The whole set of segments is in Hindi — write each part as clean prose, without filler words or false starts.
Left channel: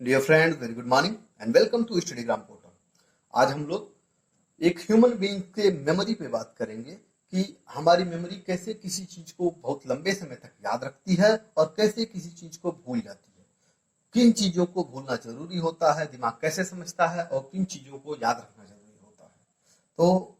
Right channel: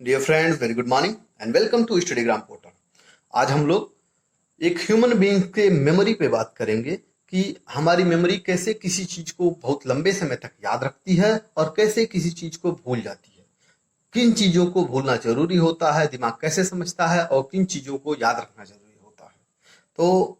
Dear friends, very good morning and welcome to Studygram portal. आज हम लोग एक ह्यूमन बीइंग के मेमोरी पे बात करेंगे कि हमारी मेमोरी कैसे किसी चीज को बहुत लंबे समय तक याद रखती है और कैसे किसी चीज को भूल जाती है। किन चीजों को भूलना जरूरी होता है, दिमाग कैसे समझता है और किन चीजों को याद रखना जरूरी होता है। तो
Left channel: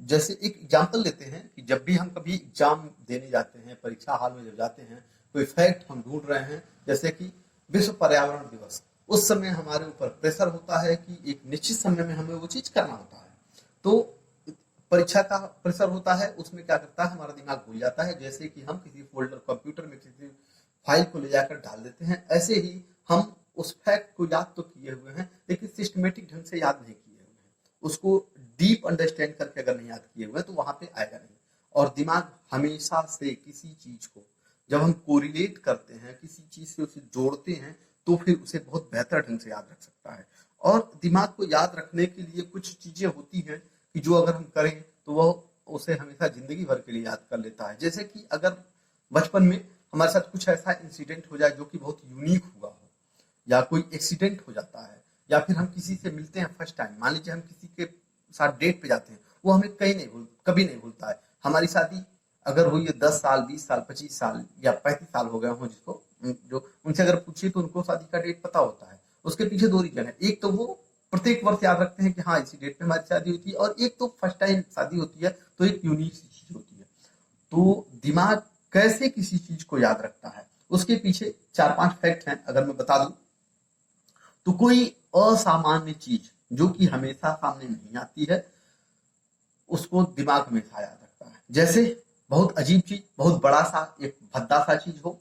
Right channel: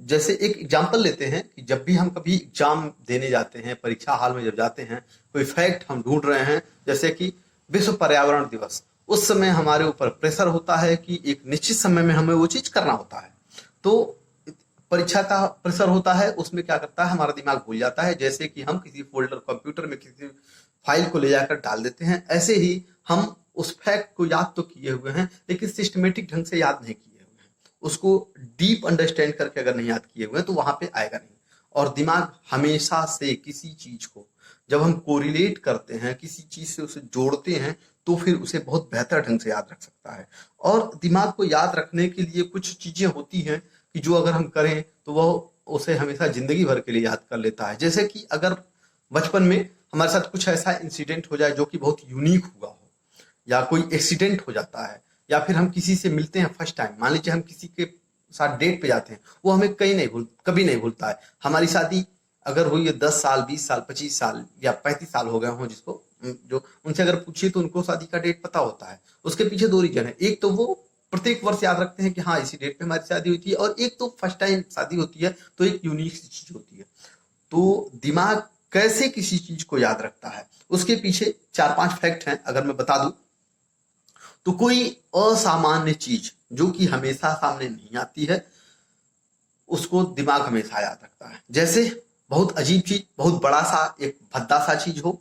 जैसे एक एग्जाम्पल लेते हैं कि जब भी हम कभी एग्जाम देने जाते हैं, परीक्षा हाल में जब जाते हैं, कोई फैक्ट हम ढूंढ रहे हैं, जैसे कि विश्व पर्यावरण दिवस, उस समय हमारे ऊपर प्रेशर होता है कि एक निश्चित समय में हमें वो चीज करना होता है। तो परीक्षा का प्रेशर होता है, उसमें क्या करता है, हमारा दिमाग भूल जाता है। जैसे कि हम किसी फोल्डर कंप्यूटर में किसी फाइल को ले जाकर डाल देते हैं, ऐसे ही हम उस फैक्ट को याद तो किए हुए हैं लेकिन सिस्टमेटिक ढंग से याद नहीं किए हुए हैं। उसको डीप अंडरस्टैंड करके अगर नहीं याद किए हुए हैं तो वहां पे आएगा नहीं। और दिमाग हमेशा से किसी चीज को जब हम कोरिलेट करते हैं, किसी चीज से उसे जोड़ते हैं, तो फिर उसे बहुत बेहतर ढंग से याद रख सकता है। और दिमाग को याद रखने के लिए कुछ चीजें होती हैं कि जो अगर हम करें तो वह उसे हमेशा जिंदगी भर के लिए याद कर लेता है। जैसे कि अगर बचपन में हमारे साथ कुछ ऐसा इंसिडेंट हो जाए जो कि बहुत यूनिक हुआ हो, या कोई एक्सीडेंट हो जाता है, या फिर हम किसी से मिलते हैं फर्स्ट टाइम, मान लीजिए हम किसी के साथ डेट पे जाते हैं, वो हमें कभी नहीं भूलता है। हमारी शादी अगर हुई है 10 साल, 20 साल, 25 साल या 35 साल हो गए हों, जिसको जो उनसे अगर पूछिए तो उनको शादी का डेट पता होता है। उसके पीछे दो रीजन है। एक तो वो प्रत्येक वर्ष याद रखते हैं कि हाँ इसी डेट पे हमारी शादी हुई थी, और एक तो फर्स्ट टाइम शादी होती है तो एक यूनिक सी चीज होती है। तो दिमाग कैसे किसी चीज को याद रखता है, उसके पीछे 4-5 फैक्ट हैं अगर मैं बता दूं। तो कोई असामान्य चीज जो कि हमेशा सामने नहीं आती है, उसको दिमाग हमेशा याद रखता है। जैसे बहुत अजीब चीज, बहुत बड़ा सा एक भद्दा सा चीज हो,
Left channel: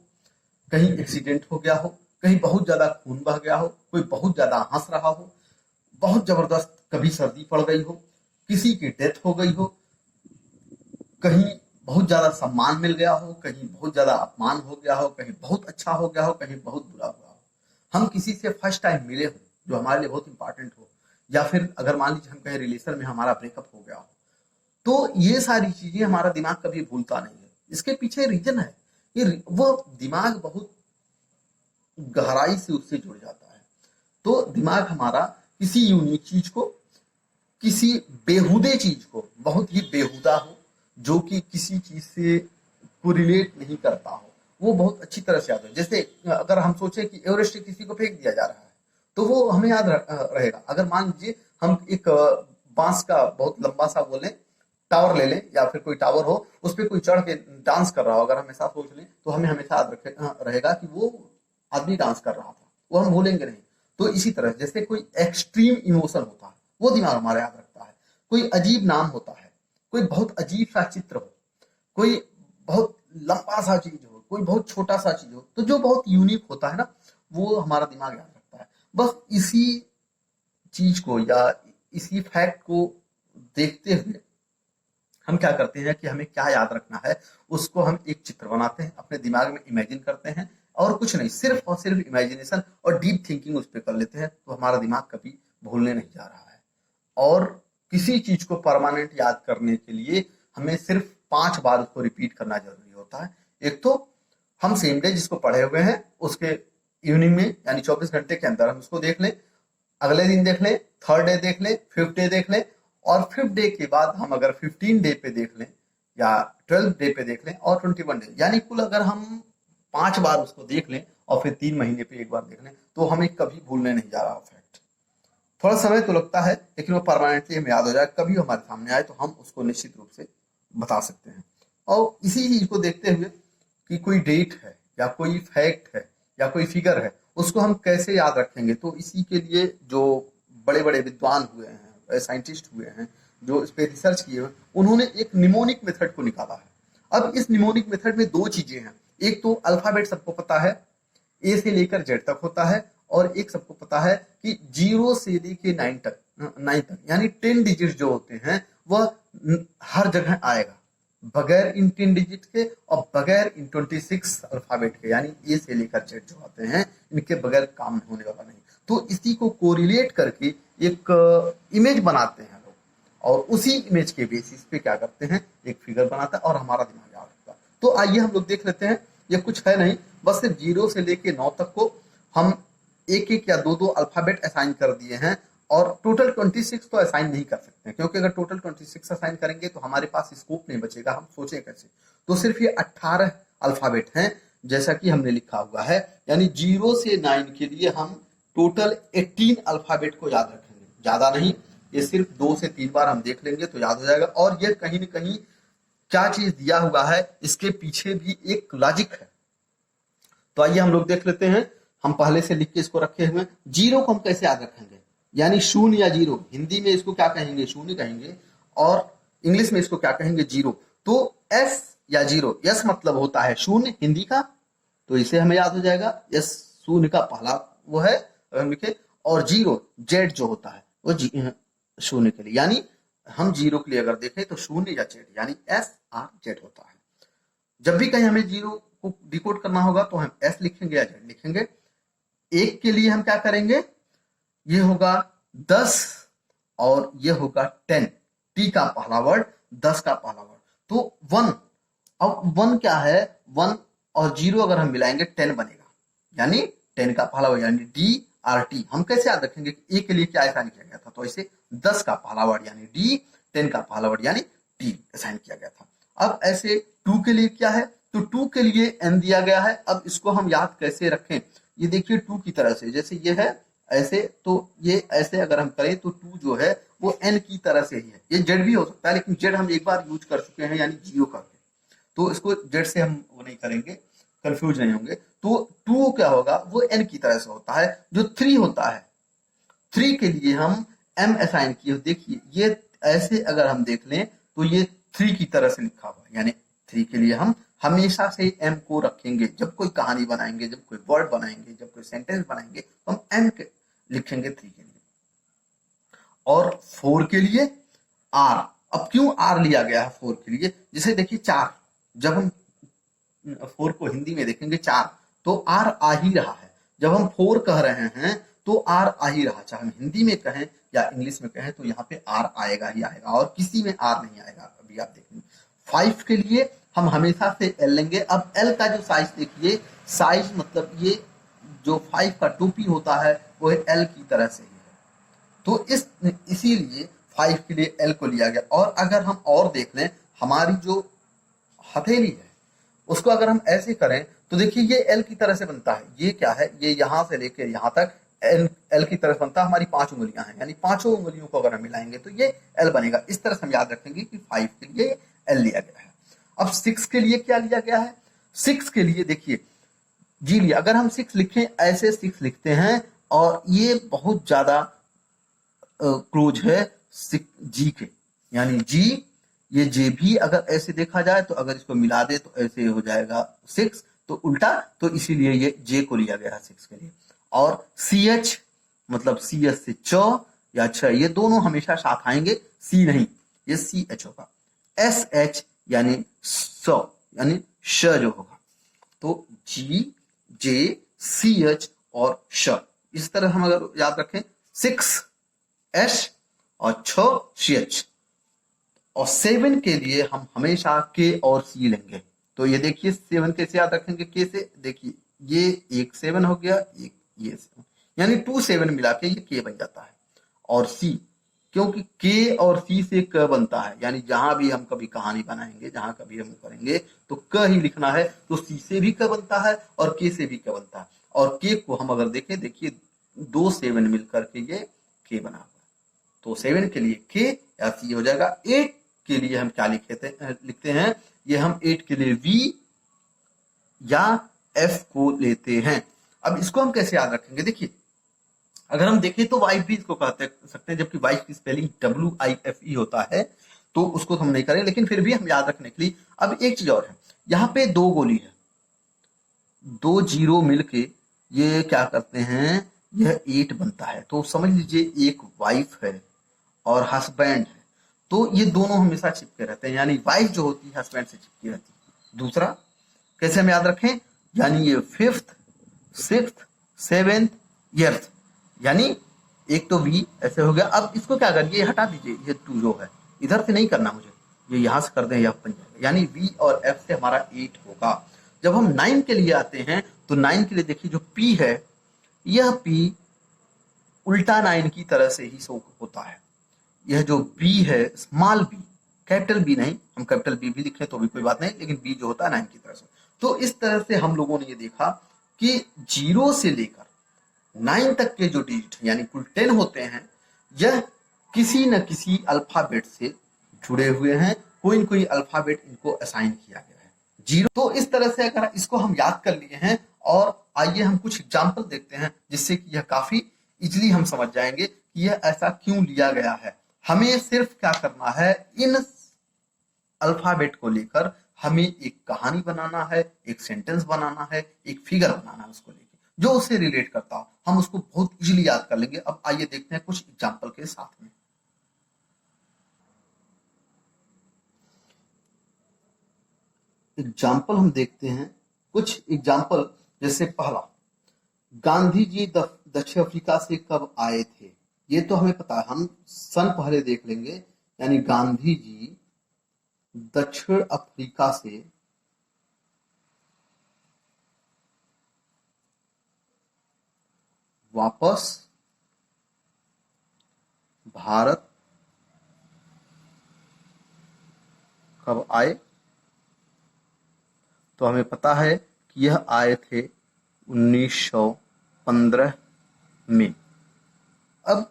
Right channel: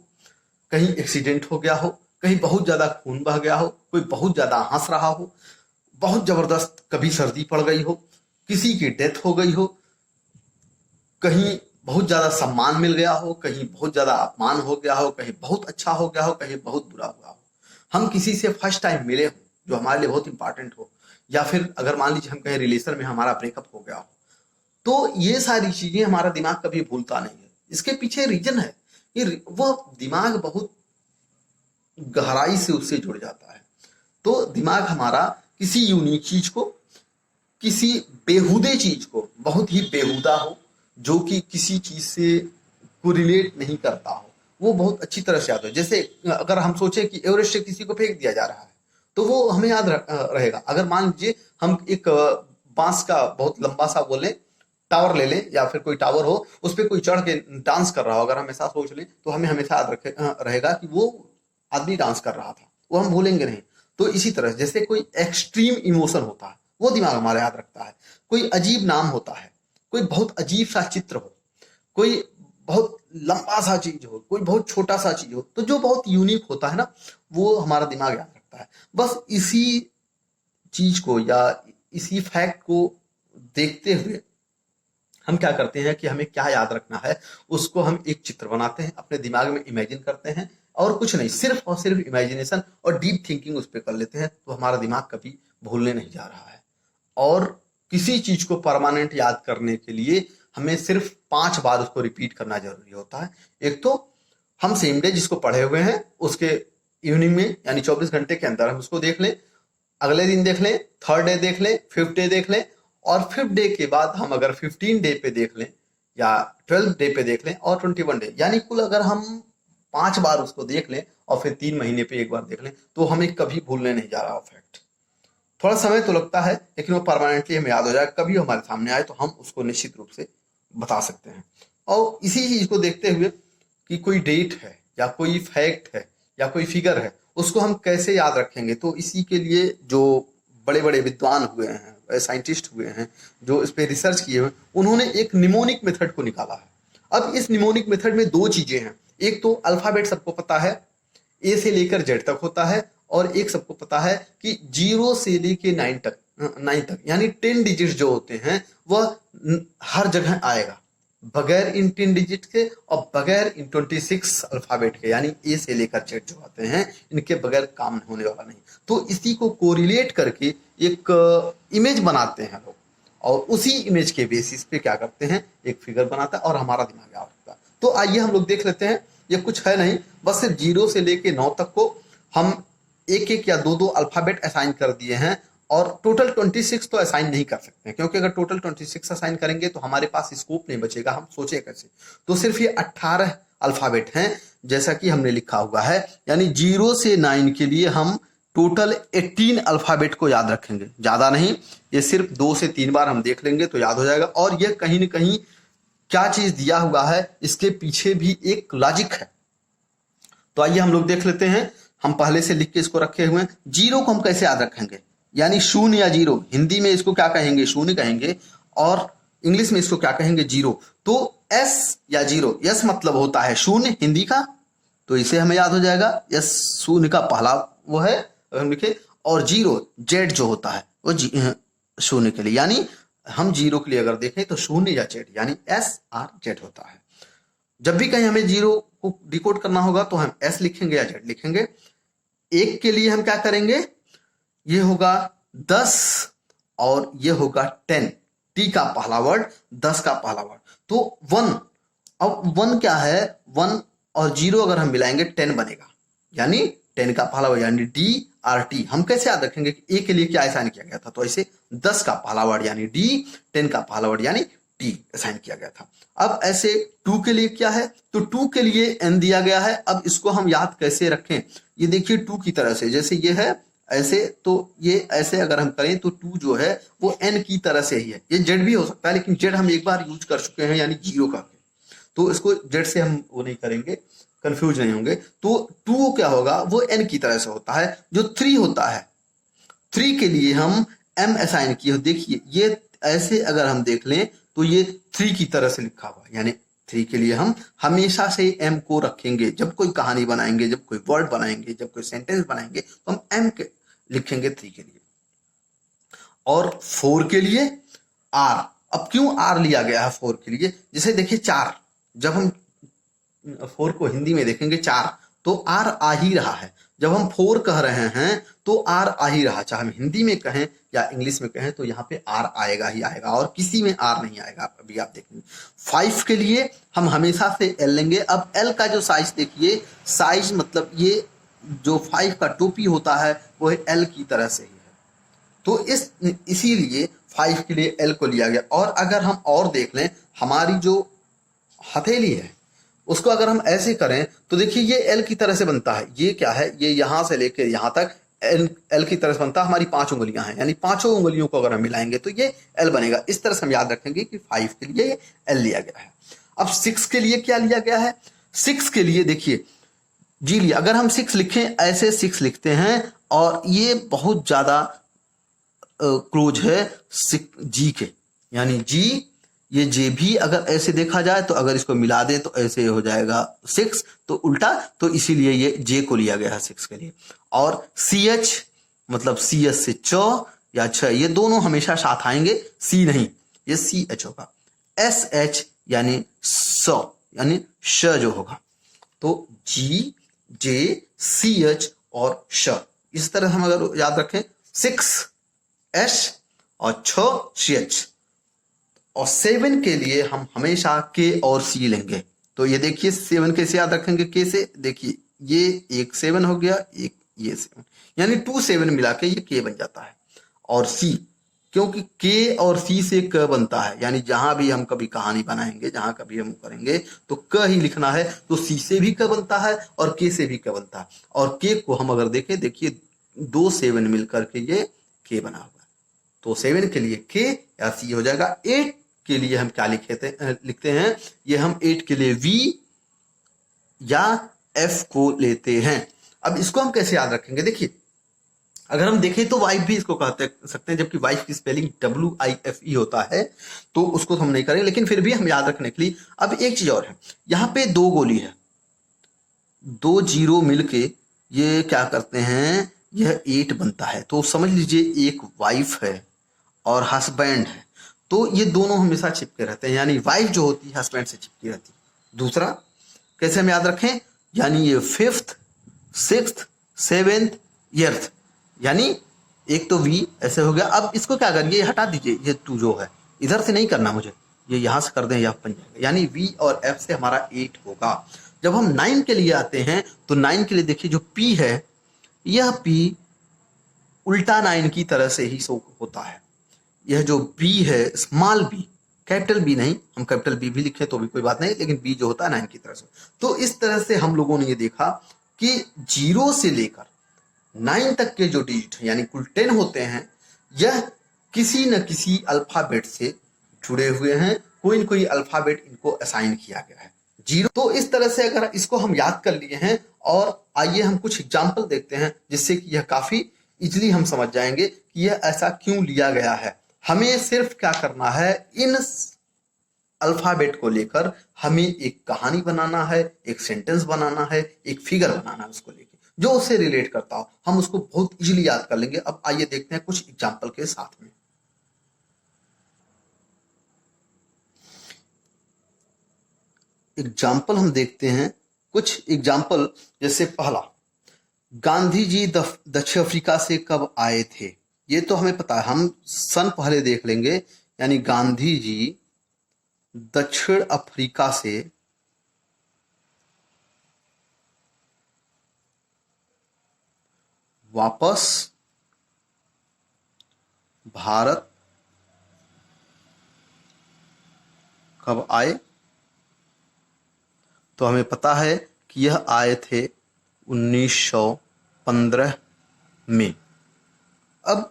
कहीं एक्सीडेंट हो गया हो, कहीं बहुत ज्यादा खून बह गया हो, कोई बहुत ज्यादा हंस रहा हो, बहुत जबरदस्त कभी सर्दी पड़ गई हो, किसी की डेथ हो गई हो, कहीं बहुत ज्यादा सम्मान मिल गया हो, कहीं बहुत ज्यादा अपमान हो गया हो, कहीं बहुत अच्छा हो गया हो, कहीं बहुत बुरा हुआ हो, हम किसी से फर्स्ट टाइम मिले हो जो हमारे लिए बहुत इंपॉर्टेंट हो, या फिर अगर मान लीजिए हम कहीं रिलेशन में हमारा ब्रेकअप हो गया हो, तो ये सारी चीजें हमारा दिमाग कभी भूलता नहीं है। इसके पीछे रीजन है कि वो दिमाग बहुत गहराई से उससे जुड़ जाता है। तो दिमाग हमारा किसी यूनिक चीज को, किसी बेहुदे चीज को, बहुत ही बेहुदा हो, जो कि किसी चीज से कोरिलेट नहीं करता हो, वो बहुत अच्छी तरह से याद हो। जैसे अगर हम सोचे कि एवरेस्ट से किसी को फेंक दिया जा रहा है, तो वो हमें याद रहेगा। अगर मान लीजिए हम एक बांस का बहुत लंबा सा बोले टावर ले लें, या फिर कोई टावर हो उस पर कोई चढ़ के डांस कर रहा हो, अगर हम ऐसा सोच लें तो हमें हमेशा याद रहेगा कि वो आदमी डांस कर रहा था, वो हम भूलेंगे नहीं। तो इसी तरह जैसे कोई एक्सट्रीम इमोशन होता है, वो दिमाग हमारा याद रखता है। कोई अजीब नाम होता है, कोई बहुत अजीब सा चित्र हो, कोई बहुत लंबा सा चीज हो, कोई बहुत छोटा सा चीज हो, तो जो बहुत यूनिक होता है ना, वो हमारा दिमाग याद रखता है। बस इसी चीज को या इसी फैक्ट को देखते हुए हम क्या करते हैं कि हमें क्या याद रखना है, उसको हम एक चित्र बनाते हैं, अपने दिमाग में इमेजिन करते हैं, और कुछ नहीं, सिर्फ और सिर्फ इमेजिनेशन और डीप थिंकिंग उस पर कर लेते हैं, तो हमारा दिमाग कभी भूलने नहीं जा रहा है। और किसी चीज को परमानेंट याद करने के लिए हमें सिर्फ 5 बार उसको रिपीट करना जरूरी होता है। एक तो हम सेम डे जिसको पढ़े हुए हैं उसके इवनिंग में, यानी 24 घंटे के अंदर हम उसको देख लें, अगले दिन देख लें, थर्ड डे देख लें, फिफ्थ डे देख लें, और फिफ्थ डे के बाद हम अगर 15 डे पे देख लें, या 12 डे पे देख लें, और 21 डे, यानी कुल अगर हम 5 बार उसको देख लें और फिर 3 महीने पे एक बार देख लें, तो हमें कभी भूलने नहीं जा रहा फैक्ट। थोड़ा समय तो लगता है लेकिन वो परमानेंटली हमें याद हो जाए, कभी हमारे सामने आए तो हम उसको निश्चित रूप से बता सकते हैं। और इसी चीज को देखते हुए कि कोई डेट है या कोई फैक्ट है या कोई फिगर है, उसको हम कैसे याद रखेंगे, तो इसी के लिए जो बड़े बड़े विद्वान हुए हैं, साइंटिस्ट हुए हैं, जो इस पे रिसर्च किए हुए, उन्होंने एक निमोनिक मेथड को निकाला है। अब इस निमोनिक मेथड में दो चीजें हैं। एक तो अल्फाबेट सबको पता है, ए से लेकर जेड तक होता है, और एक सबको पता है कि 0 से लेके 9 तक यानी 10 डिजिट जो होते हैं वह हर जगह आएगा, बगैर इन 10 डिजिट के और बगैर इन 26 अल्फाबेट के, यानी ए से लेकर जेड जो आते हैं, इनके बगैर काम होने वाला नहीं। तो इसी को कोरिलेट करके एक इमेज बनाते हैं लोग, और उसी इमेज के बेसिस पे क्या करते हैं, एक फिगर बनाता है और हमारा दिमाग याद रखता है। तो आइए हम लोग देख लेते हैं। ये कुछ है नहीं, बस सिर्फ 0 से लेके 9 तक को हम एक एक या दो दो अल्फाबेट असाइन कर दिए हैं, और टोटल 26 तो असाइन नहीं कर सकते हैं, क्योंकि अगर टोटल 26 असाइन करेंगे तो हमारे पास स्कोप नहीं बचेगा, हम सोचे कैसे। तो सिर्फ ये 18 अल्फाबेट हैं जैसा कि हमने लिखा हुआ है, यानी 0 से 9 के लिए हम टोटल 18 अल्फाबेट को याद रखेंगे, ज्यादा नहीं, ये सिर्फ 2 से 3 बार हम देख लेंगे तो याद हो जाएगा। और ये कहीं ना कहीं क्या चीज दिया हुआ है, इसके पीछे भी एक लॉजिक है। तो आइए हम लोग देख लेते हैं, हम पहले से लिख के इसको रखे हुए हैं। 0 को हम कैसे याद रखेंगे, यानी शून्य या 0, हिंदी में इसको क्या कहेंगे, शून्य कहेंगे, और इंग्लिश में इसको क्या कहेंगे, 0। तो एस या 0, एस मतलब होता है शून्य हिंदी का, तो इसे हमें याद हो जाएगा, एस शून्य का पहला वो है अगर हम लिखे, और 0 जेड जो होता है वो शून्य के लिए, यानी हम 0 के लिए अगर देखें तो शून्य या जेड, यानी एस आर जेड होता है। जब भी कहीं हमें 0 को डिकोड करना होगा तो हम एस लिखेंगे या जेड लिखेंगे। 1 के लिए हम क्या करेंगे, ये होगा 10 और ये होगा 10, टी का पहला वर्ड, 10 का पहला वर्ड, तो 1। अब 1 क्या है, 1 और 0 अगर हम मिलाएंगे 10 बनेगा, यानी 10 का पहला वर्ड, यानी डी आर टी। हम कैसे याद रखेंगे कि ए के लिए क्या असाइन किया गया था, तो ऐसे 10 का पहला वर्ड यानी डी, 10 का पहला वर्ड यानी टी असाइन किया गया था। अब ऐसे 2 के लिए क्या है, तो 2 के लिए एन दिया गया है। अब इसको हम याद कैसे रखें, ये देखिए 2 की तरह से, जैसे ये है ऐसे, तो ये ऐसे अगर हम करें तो 2 जो है वो एन की तरह से ही है। ये जेड भी हो सकता है, लेकिन जेड हम एक बार यूज कर चुके हैं, यानी 0 करके, तो इसको जेड से हम वो नहीं करेंगे, कंफ्यूज नहीं होंगे। तो 2 क्या होगा, वो एन की तरह से होता है। जो 3 होता है, 3 के लिए हम एम असाइन किए, देखिए ये ऐसे अगर हम देख लें तो ये 3 की तरह से लिखा हुआ है, यानी 3 के लिए हम हमेशा से एम को रखेंगे। जब कोई कहानी बनाएंगे, जब कोई वर्ड बनाएंगे, जब कोई सेंटेंस बनाएंगे तो हम एम के लिखेंगे 3 के लिए। और 4 के लिए आर। अब क्यों आर लिया गया है 4 के लिए, जैसे देखिए 4, जब हम 4 को हिंदी में देखेंगे 4, तो आर आ ही रहा है। जब हम 4 कह रहे हैं तो आर आ ही रहा, चाहे हम हिंदी में कहें या इंग्लिश में कहें, तो यहाँ पे आर आएगा ही आएगा, और किसी में आर नहीं आएगा। अभी आप देखेंगे 5 के लिए हम हमेशा से एल लेंगे। अब एल का जो साइज देखिए, साइज मतलब ये जो 5 का टोपी होता है वो एल की तरह से ही है, तो इसीलिए 5 के लिए एल को लिया गया। और अगर हम और देख लें, हमारी जो हथेली है उसको अगर हम ऐसे करें तो देखिए ये एल की तरह से बनता है। ये क्या है, ये यहां से लेकर यहां तक एल की तरह से बनता है। हमारी 5 उंगलियां हैं, यानी 5 उंगलियों को अगर हम मिलाएंगे तो ये एल बनेगा। इस तरह से हम याद रखेंगे कि 5 के लिए एल लिया गया है। अब 6 के लिए क्या लिया गया है, 6 के लिए देखिए जी लिया। अगर हम 6 लिखें, ऐसे 6 लिखते हैं, और ये बहुत ज्यादा क्लोज है जी के, यानी जी, ये जे भी अगर ऐसे देखा जाए तो अगर इसको मिला दें तो ऐसे हो जाएगा 6, तो उल्टा, तो इसीलिए ये जे को लिया गया है 6 के लिए। और सी एच मतलब सी एस से च या छ, ये दोनों हमेशा साथ आएंगे, सी नहीं, ये सी एच होगा। एस एच यानी स, यानी श जो होगा, तो जी, जे, सी एच और श। इस तरह हम अगर याद रखें, 6 एस और 6 सी एच। और 7 के लिए हम हमेशा के और सी लेंगे। तो ये देखिए 7 कैसे याद रखेंगे, के से, देखिए ये एक 7 हो गया, एक ये 7, यानी 2 7 मिला के ये के बन जाता है। और सी, क्योंकि के और सी से क बनता है, यानी जहां भी हम कभी कहानी बनाएंगे, जहां कभी हम करेंगे तो क ही लिखना है, तो सी से भी क बनता है और के से भी क बनता है। और के को हम अगर देखें, देखिए 2 7 मिलकर के ये के बना हुआ है, तो 7 के लिए के या सी हो जाएगा। 8 के लिए हम क्या लिखते हैं, ये हम 8 के लिए वी या एफ को लेते हैं। अब इसको हम कैसे याद रखेंगे, देखिए अगर हम देखें तो वाइफ भी इसको कहते सकते हैं, जबकि वाइफ की स्पेलिंग WIFE होता है, तो उसको हम नहीं करें, लेकिन फिर भी हम याद रखने के लिए। अब एक चीज और है, यहाँ पे 2 गोली है, 2 0 मिलके ये क्या करते हैं, यह 8 बनता है। तो समझ लीजिए एक वाइफ है और हस्बैंड है, तो ये दोनों हमेशा चिपके रहते हैं, यानी वाइफ जो होती है हस्बैंड से चिपकी रहती है। दूसरा कैसे हम याद रखें, यानी ये 5th 6th 7th 8th, यानी एक तो वी ऐसे हो गया। अब इसको क्या करिए, ये हटा दीजिए, ये 2 जो है इधर से नहीं करना मुझे, ये यहां से कर दें, यह बन जाएगा, यानी वी और एफ से हमारा 8 होगा। जब हम 9 के लिए आते हैं तो 9 के लिए देखिए जो पी है, यह पी उल्टा 9 की तरह से ही शो होता है। यह जो बी है, स्मॉल बी, कैपिटल बी नहीं, हम कैपिटल बी भी लिखें तो भी कोई बात नहीं, लेकिन बी जो होता है 9 की तरह से। तो इस तरह से हम लोगों ने ये देखा कि 0 से लेकर 9 तक के जो डिजिट हैं, यानी कुल 10 होते हैं, यह किसी न किसी अल्फाबेट से जुड़े हुए हैं, कोई न कोई अल्फाबेट इनको असाइन किया गया है। 0, तो इस तरह से अगर इसको हम याद कर लिए हैं, और आइए हम कुछ एग्जाम्पल देखते हैं जिससे कि यह काफी इजीली हम समझ जाएंगे कि यह ऐसा क्यों लिया गया है। हमें सिर्फ क्या करना है, इन अल्फाबेट को लेकर हमें एक कहानी बनाना है, एक सेंटेंस बनाना है, एक फिगर बनाना है उसको लेकर, जो उससे रिलेट करता हो। हम उसको बहुत इजीली याद कर लेंगे। अब आइए देखते हैं कुछ एग्जाम्पल के साथ में। एग्जाम्पल हम देखते हैं, कुछ एग्जाम्पल, जैसे पहला, गांधी जी दक्षिण अफ्रीका से कब आए थे? ये तो हमें पता है, हम सन पहले देख लेंगे। यानी गांधी जी दक्षिण अफ्रीका से वापस भारत कब आए? तो हमें पता है कि यह आए थे 1915 में। अब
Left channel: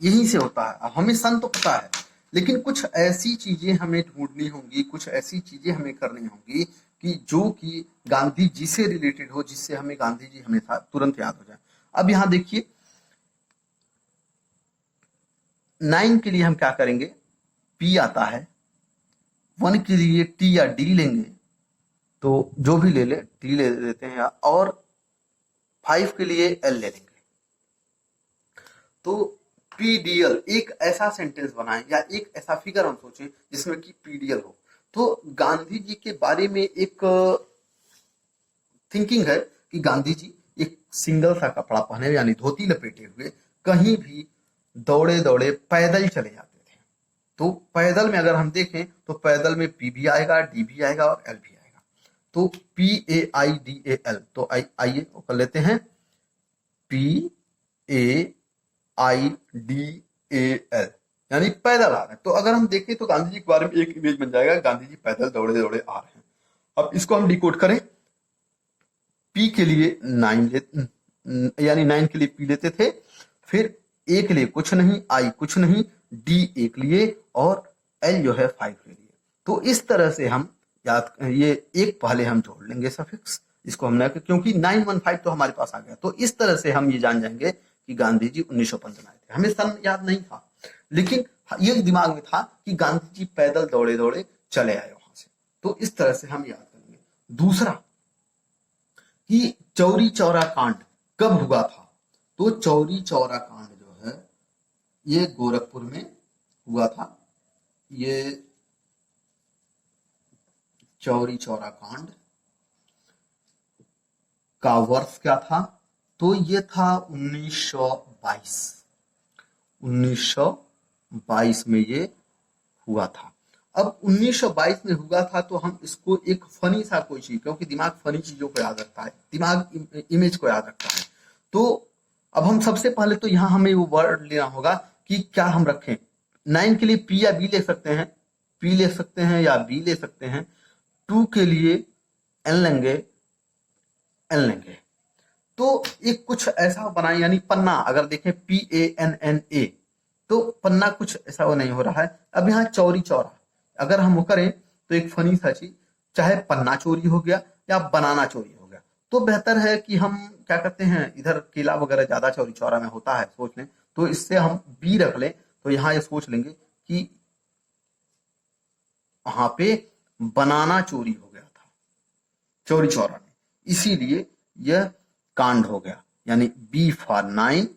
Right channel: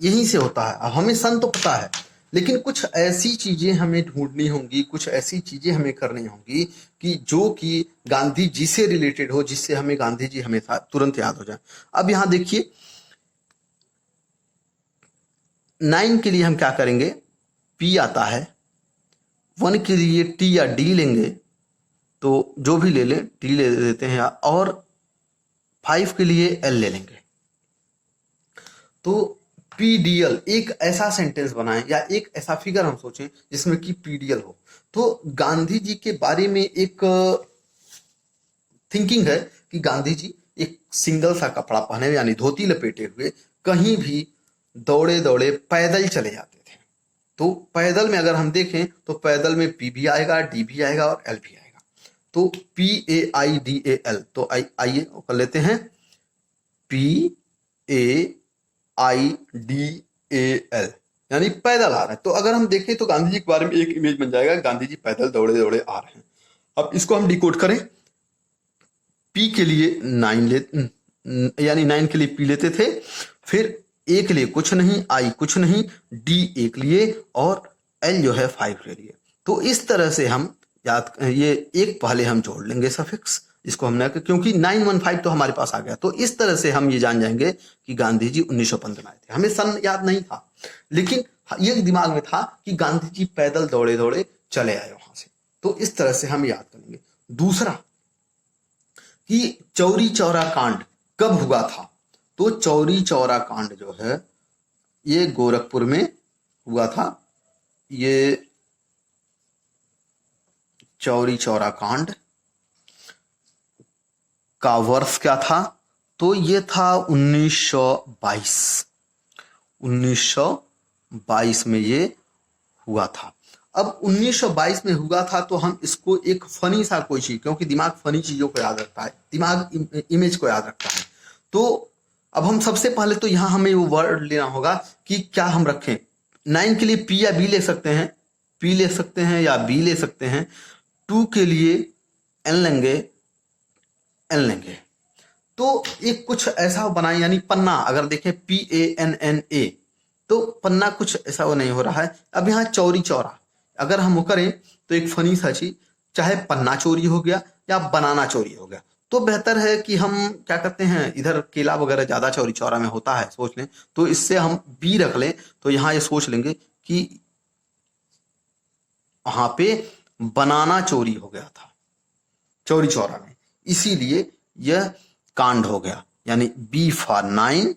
यहीं से होता है। अब हमें सन तो पता है, लेकिन कुछ ऐसी चीजें हमें ढूंढनी होंगी, कुछ ऐसी चीजें हमें करनी होंगी कि जो कि गांधी जी से रिलेटेड हो, जिससे हमें गांधी जी हमेशा तुरंत याद हो जाए। अब यहां देखिए, 9 के लिए हम क्या करेंगे, पी आता है। 1 के लिए टी या डी लेंगे, तो जो भी ले लें, टी ले लेते हैं, और 5 के लिए एल ले लेंगे। तो पीडीएल, एक ऐसा सेंटेंस बनाएं या एक ऐसा फिगर हम सोचें जिसमें कि पीडीएल हो। तो गांधी जी के बारे में एक थिंकिंग है कि गांधी जी एक सिंगल सा कपड़ा पहने, यानी धोती लपेटे हुए, कहीं भी दौड़े दौड़े पैदल चले जाते थे। तो पैदल में अगर हम देखें तो पैदल में पी भी आएगा, डी भी आएगा और एल भी आएगा। तो PAIDAL, तो आइए कर लेते हैं, PAIDAL, यानी पैदल आ रहे हैं। तो अगर हम देखें तो गांधी जी के बारे में एक इमेज बन जाएगा, गांधी जी पैदल दौड़े दौड़े आ रहे हैं। अब इसको हम डिकोड करें, पी के लिए 9 यानी 9 के लिए पी लेते थे, फिर ए के लिए कुछ नहीं, आई कुछ नहीं, डी एक लिए, और एल जो है 5 ले लिए। तो इस तरह से हम याद, ये एक पहले हम जोड़ लेंगे सफिक्स, इसको हमने, क्योंकि 915 तो हमारे पास आ गया। तो इस तरह से हम ये जान जाएंगे कि गांधी जी 1915 में आए थे। हमें सन याद नहीं था, लेकिन ये दिमाग में था कि गांधी जी पैदल दौड़े दौड़े चले आए वहां से। तो इस तरह से हम याद करेंगे। दूसरा, कि चौरी चौरा कांड कब हुआ था? तो चौरी चौरा कांड जो है ये गोरखपुर में हुआ था। ये चौरी चौरा कांड का वर्ष क्या था? तो ये था 1922। 1922 में ये हुआ था। अब 1922 में हुआ था, तो हम इसको एक फनी सा कोई चीज, क्योंकि दिमाग फनी चीजों को याद रखता है, दिमाग इमेज को याद रखता है। तो अब हम सबसे पहले तो यहां हमें वो वर्ड लेना होगा कि क्या हम रखें। 9 के लिए पी या बी ले सकते हैं, पी ले सकते हैं या बी ले सकते हैं। 2 के लिए एन लेंगे, एन लेंगे। तो एक कुछ ऐसा बनाए, यानी पन्ना, अगर देखें PANNA, तो पन्ना कुछ ऐसा वो नहीं हो रहा है। अब यहाँ चौरी चौरा अगर हम वो करें तो एक फनी सा चीज, चाहे पन्ना चोरी हो गया या बनाना चोरी हो गया, तो बेहतर है कि हम क्या करते हैं, इधर केला वगैरह ज्यादा चौरी चौरा में होता है, सोच लें, तो इससे हम बी रख लें। तो यहाँ ये सोच लेंगे कि वहां पे बनाना चोरी हो गया था चौरी चौरा में, इसीलिए यह कांड हो गया। यानी B for 9,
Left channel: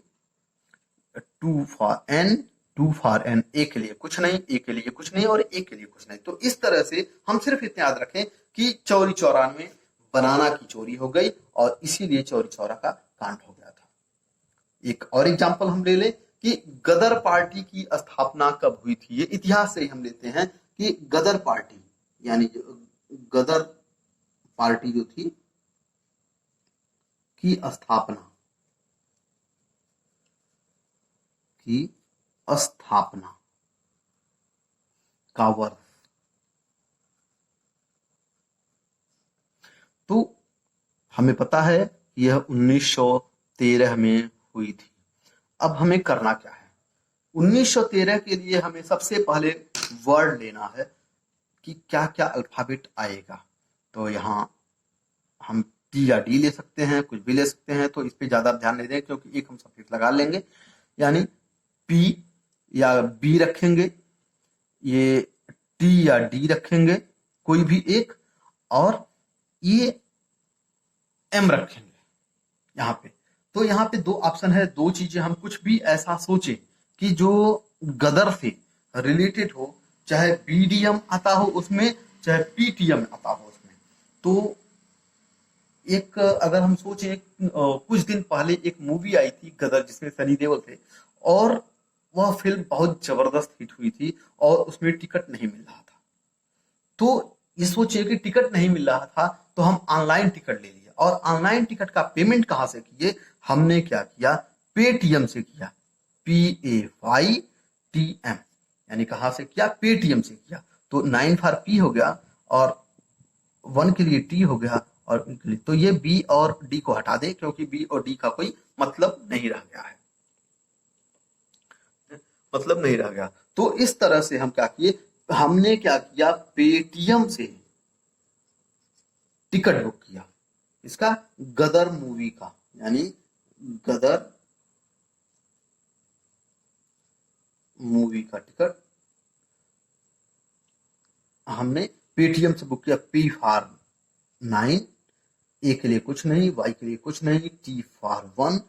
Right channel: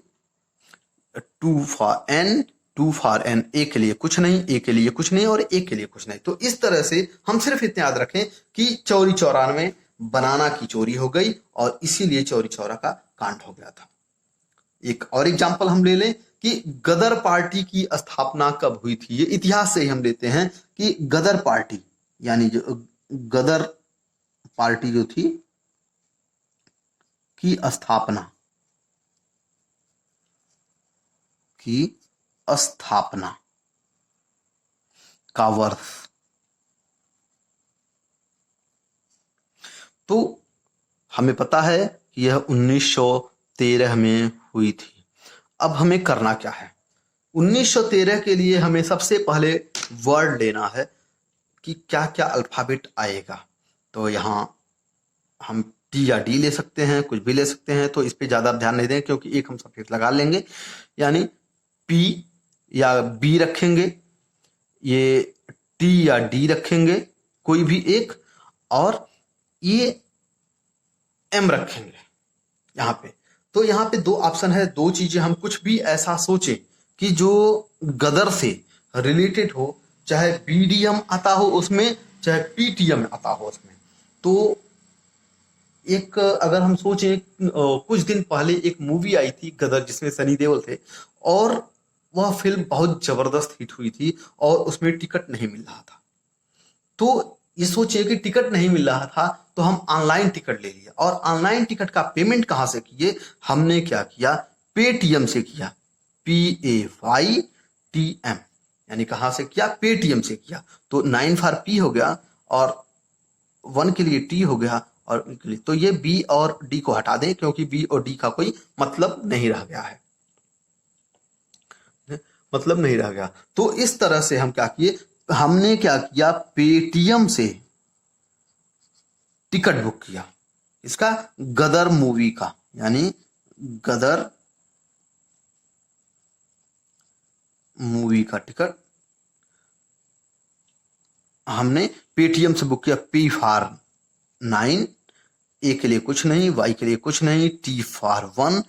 2 for N, 2 for N, ए के लिए कुछ नहीं, ए के लिए कुछ नहीं, और ए के लिए कुछ नहीं। तो इस तरह से हम सिर्फ इतने याद रखें कि चौरी चौरा में बनाना की चोरी हो गई, और इसीलिए चौरी चौरा का कांड हो गया था। एक और एग्जाम्पल हम ले लें कि गदर पार्टी की स्थापना कब हुई थी। ये इतिहास से ही हम लेते हैं कि गदर पार्टी, यानी जो गदर पार्टी जो थी की स्थापना की स्थापना का वर्ष। तो हमें पता है कि यह 1913 में हुई थी। अब हमें करना क्या है? 1913 के लिए हमें सबसे पहले वर्ड लेना है कि क्या क्या अल्फाबेट आएगा। तो यहाँ हम टी या डी ले सकते हैं, कुछ भी ले सकते हैं, तो इस पे ज्यादा ध्यान नहीं दें क्योंकि एक हम सब्जेक्ट लगा लेंगे, यानी पी या बी रखेंगे, ये टी या डी रखेंगे, कोई भी एक, और ये एम रखेंगे यहाँ पे। तो यहाँ पे दो ऑप्शन है, दो चीजें, हम कुछ भी ऐसा सोचें कि जो गदर से रिलेटेड हो, चाहे बीडीएम आता हो उसमें, चाहे पीटीएम आता हो उसमें। तो एक अगर हम सोचें, कुछ दिन पहले एक मूवी आई थी गदर जिसमें सनी देओल थे, और वह फिल्म बहुत जबरदस्त हिट हुई थी और उसमें टिकट नहीं मिल रहा था। तो ये सोचिए कि टिकट नहीं मिल रहा था तो हम ऑनलाइन टिकट ले लिया, और ऑनलाइन टिकट का पेमेंट कहां से किए? हमने क्या किया? पेटीएम से किया। PAYTM, यानी कहां से किया? पेटीएम से किया। तो 9 फॉर पी हो गया और 1 के लिए टी हो गया और के लिए, तो ये बी और डी को हटा दें क्योंकि बी और डी का कोई मतलब नहीं रह गया है, मतलब नहीं रह गया। तो इस तरह से हम क्या किए? हमने क्या किया? पेटीएम से टिकट बुक किया इसका, गदर मूवी का, यानी गदर मूवी का टिकट हमने पेटीएम से बुक किया। P फॉर 9, ए के लिए कुछ नहीं, वाई के लिए कुछ नहीं, T फॉर 1,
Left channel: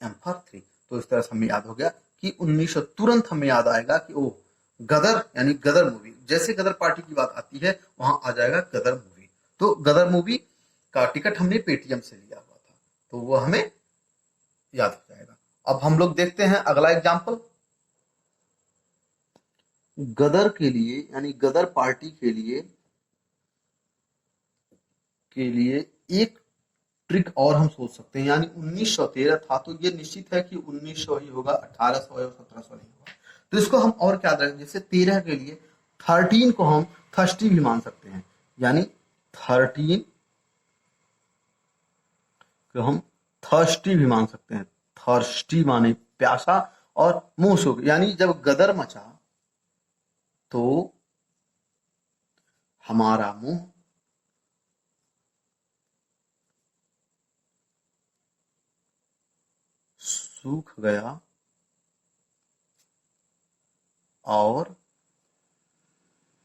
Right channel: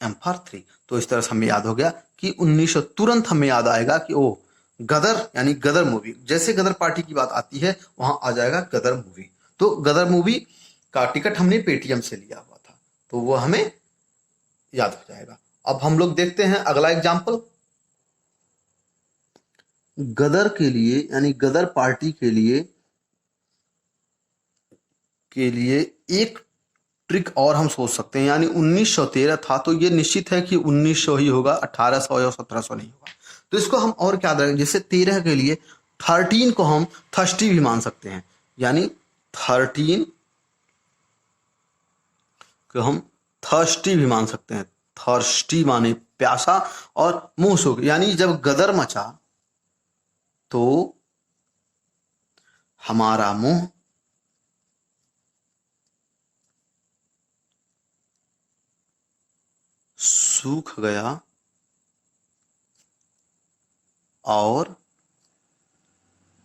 M फॉर 3। तो इस तरह से हमें याद हो गया कि 1900, तुरंत हमें याद आएगा कि ओ गदर, यानी गदर मूवी, जैसे गदर पार्टी की बात आती है वहां आ जाएगा गदर मूवी। तो गदर मूवी का टिकट हमने पेटीएम से लिया हुआ था, तो वो हमें याद हो जाएगा। अब हम लोग देखते हैं अगला एग्जाम्पल। गदर के लिए, यानी गदर पार्टी के लिए एक ट्रिक और हम सोच सकते हैं, यानी 1913 था तो ये निश्चित है कि 1900 ही होगा, 1800 या 1700 नहीं होगा। तो इसको हम और क्या करेंगे? जैसे 13 के लिए 13 को हम थर्स्टी भी मान सकते हैं, यानी 13 को हम थर्स्टी भी मान सकते हैं। थर्स्टी माने प्यासा और मुंह सूख, यानी जब गदर मचा तो हमारा मुंह सूख गया और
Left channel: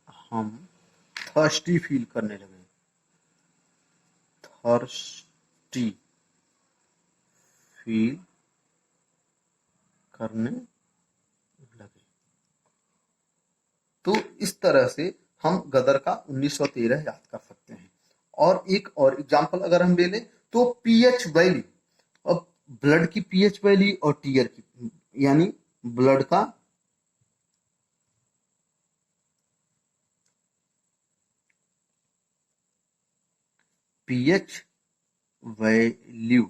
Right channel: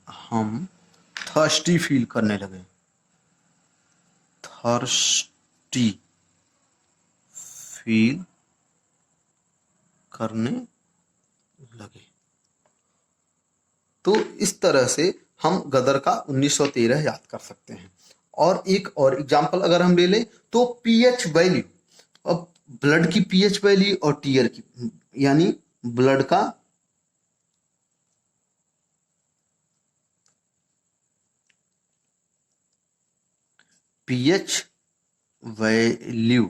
हम थर्स्टी फील करने लगे। थर्स्टी फील करने लगे। तो इस तरह से हम गदर का 1913 याद कर सकते हैं। और एक और एग्जांपल अगर हम ले लें तो पीएच वैल्यू, अब ब्लड की पीएच वैल्यू और टीयर की, यानी ब्लड का पीएच वैल्यू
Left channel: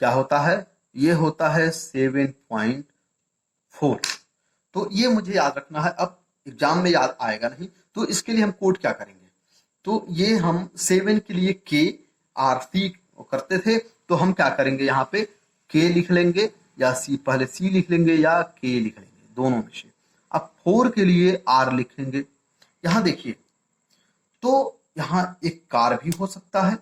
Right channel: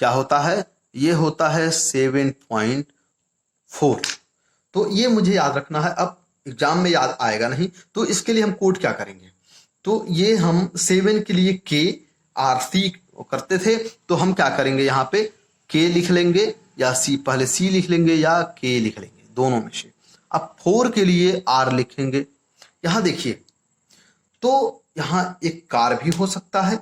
क्या होता है? ये होता है 7.4। तो ये मुझे याद रखना है, अब एग्जाम में याद आएगा नहीं, तो इसके लिए हम कोड क्या करेंगे? तो ये हम 7 के लिए KRC करते थे, तो हम क्या करेंगे? यहाँ पे K लिख लेंगे या C, पहले C लिख लेंगे या K लिख लेंगे, दोनों में से। अब 4 के लिए R लिखेंगे। यहां देखिए, तो यहां एक कार भी हो सकता है,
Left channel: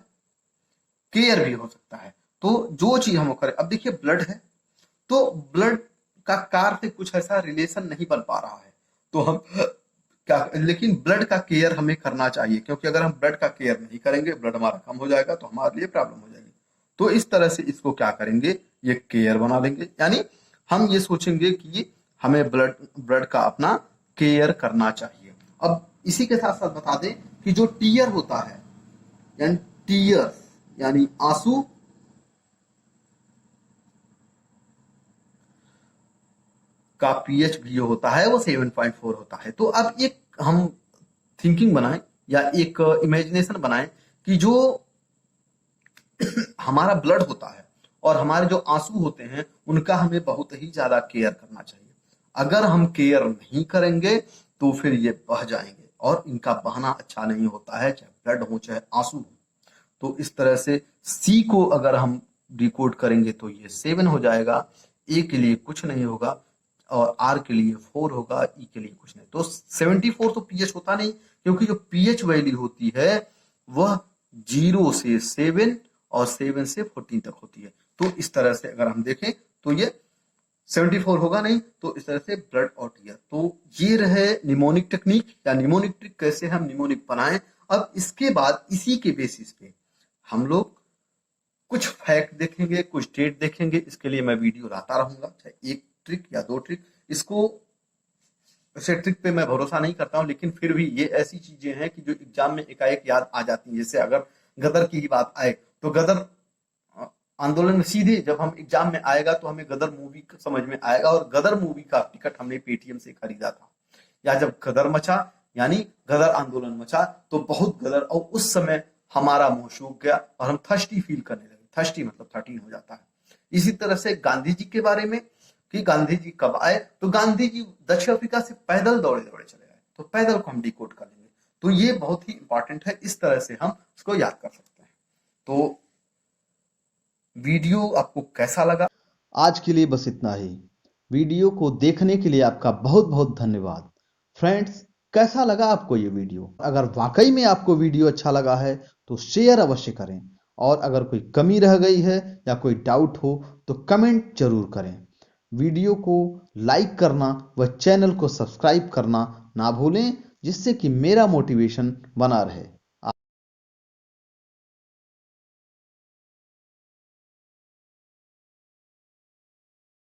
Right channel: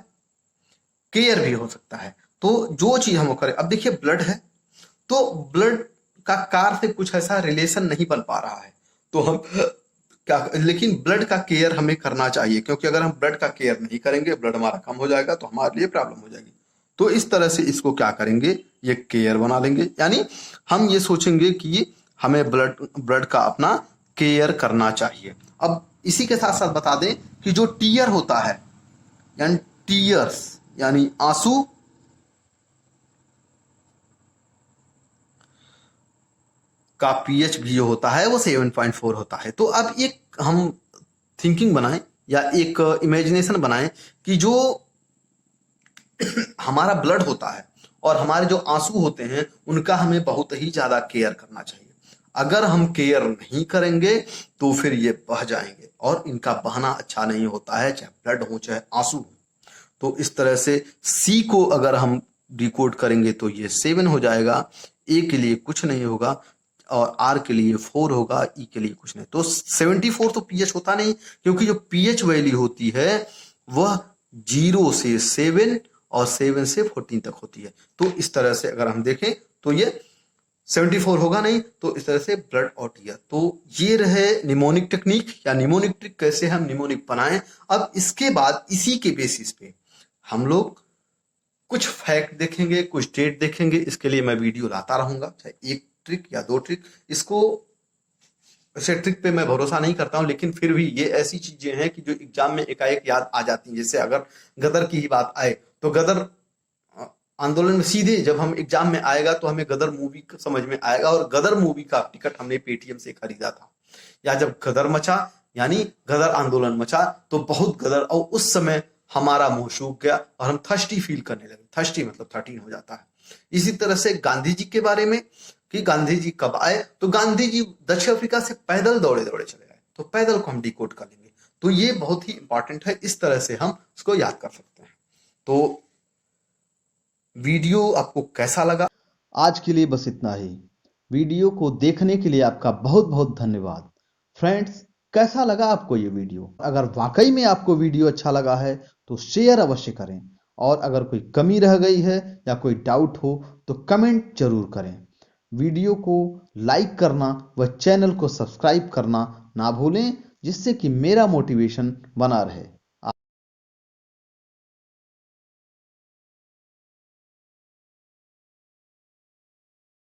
केयर भी हो सकता है, तो जो चीज हम करें, अब देखिए ब्लड है तो ब्लड का कार से कुछ ऐसा रिलेशन नहीं बन पा रहा है, तो हम क्या, लेकिन ब्लड का केयर हमें करना चाहिए, क्योंकि अगर हम ब्लड का केयर नहीं करेंगे, ब्लड हमारा कम हो जाएगा तो हमारे लिए प्रॉब्लम हो जाएगी। तो इस तरह से इसको क्या करेंगे? ये केयर बना लेंगे, यानी हम ये सोचेंगे कि हमें ब्लड ब्लड का अपना केयर करना चाहिए। अब इसी के साथ साथ बता दें कि जो टीयर होता है, यानी टीयर्स यानी आंसू, का पीएच भी जो होता है वो 7.4 होता है। तो अब एक हम थिंकिंग बनाएं या एक इमेजिनेशन बनाएं कि जो हमारा ब्लड होता है और हमारे जो आंसू होते हैं उनका हमें बहुत ही ज्यादा केयर करना चाहिए। अगर हम केयर नहीं करेंगे तो फिर ये बह जाएंगे और इनका बहना अच्छा नहीं होता है, चाहे ब्लड हो चाहे आंसू हो। तो इस तरह से सी को अगर हम डिकोड करेंगे तो ये 7 हो जाएगा, ए के लिए कुछ नहीं होगा और आर के लिए 4 होगा, ई के लिए कुछ नहीं। तो 74 तो पीएच होता नहीं, क्योंकि जो पीएच वैल्यू होती है वह 0 से 7 और 7 से 14 तक होती है। तो इस तरह से अगर हम देखें तो ये 74 होगा नहीं, तो इस तरह से ब्लड आउट किया। तो ये रहे निमोनिक टेक्निक या निमोनिक ट्रिक, कैसे हम निमोनिक बनाएं। अब इसके बाद इसी के बेसिस पे हम लोग कुछ फैक्ट देखेंगे, कुछ डेट देखेंगे। इसके लिए मैं वीडियो लाता रहूंगा, चाहे एक ट्रिक या 2 ट्रिक। इसको ऐसे ट्रिक पे मैं भरोसा नहीं करता हूं, लेकिन फिर भी ये ऐसी चीजें हैं कि जो एग्जाम में एकाएक याद आ जाती हैं। जैसे अगर गदर की ही बात आए तो गदर आंदोलन में सीधे जब हम एग्जाम में आएगा तो हमें गदर मूवी समझ में आएगा, और गदर मूवी का टिकट हमने पेटीएम से खरीदा था। या जब गदर मचा यानी गदर आंदोलन मचा तो बहुत गदर, और उस समय हमारा मुंह सूख गया और हम थर्स्टी फील करने लगे। थर्स्टी मतलब 13 हो जाता है। इसी तरह से गांधी जी के बारे में कि गांधी जी कब आए, तो गांधी जी दक्षिण अफ्रीका से पैदल दौड़े दौड़े चले आए, तो पैदल को हम डिकोड कर लेंगे। तो ये बहुत ही इंपॉर्टेंट है, इस तरह से हम उसको याद कर सकते हैं। तो वीडियो आपको कैसा लगा? आज के लिए बस इतना ही। वीडियो को देखने के लिए आपका बहुत बहुत धन्यवाद। फ्रेंड्स, कैसा लगा आपको ये वीडियो? अगर वाकई में आपको वीडियो अच्छा लगा है तो शेयर अवश्य करें, और अगर कोई कमी रह गई है या कोई डाउट हो तो कमेंट जरूर करें। वीडियो को लाइक करना व चैनल को सब्सक्राइब करना ना भूलें, जिससे कि मेरा मोटिवेशन बना रहे।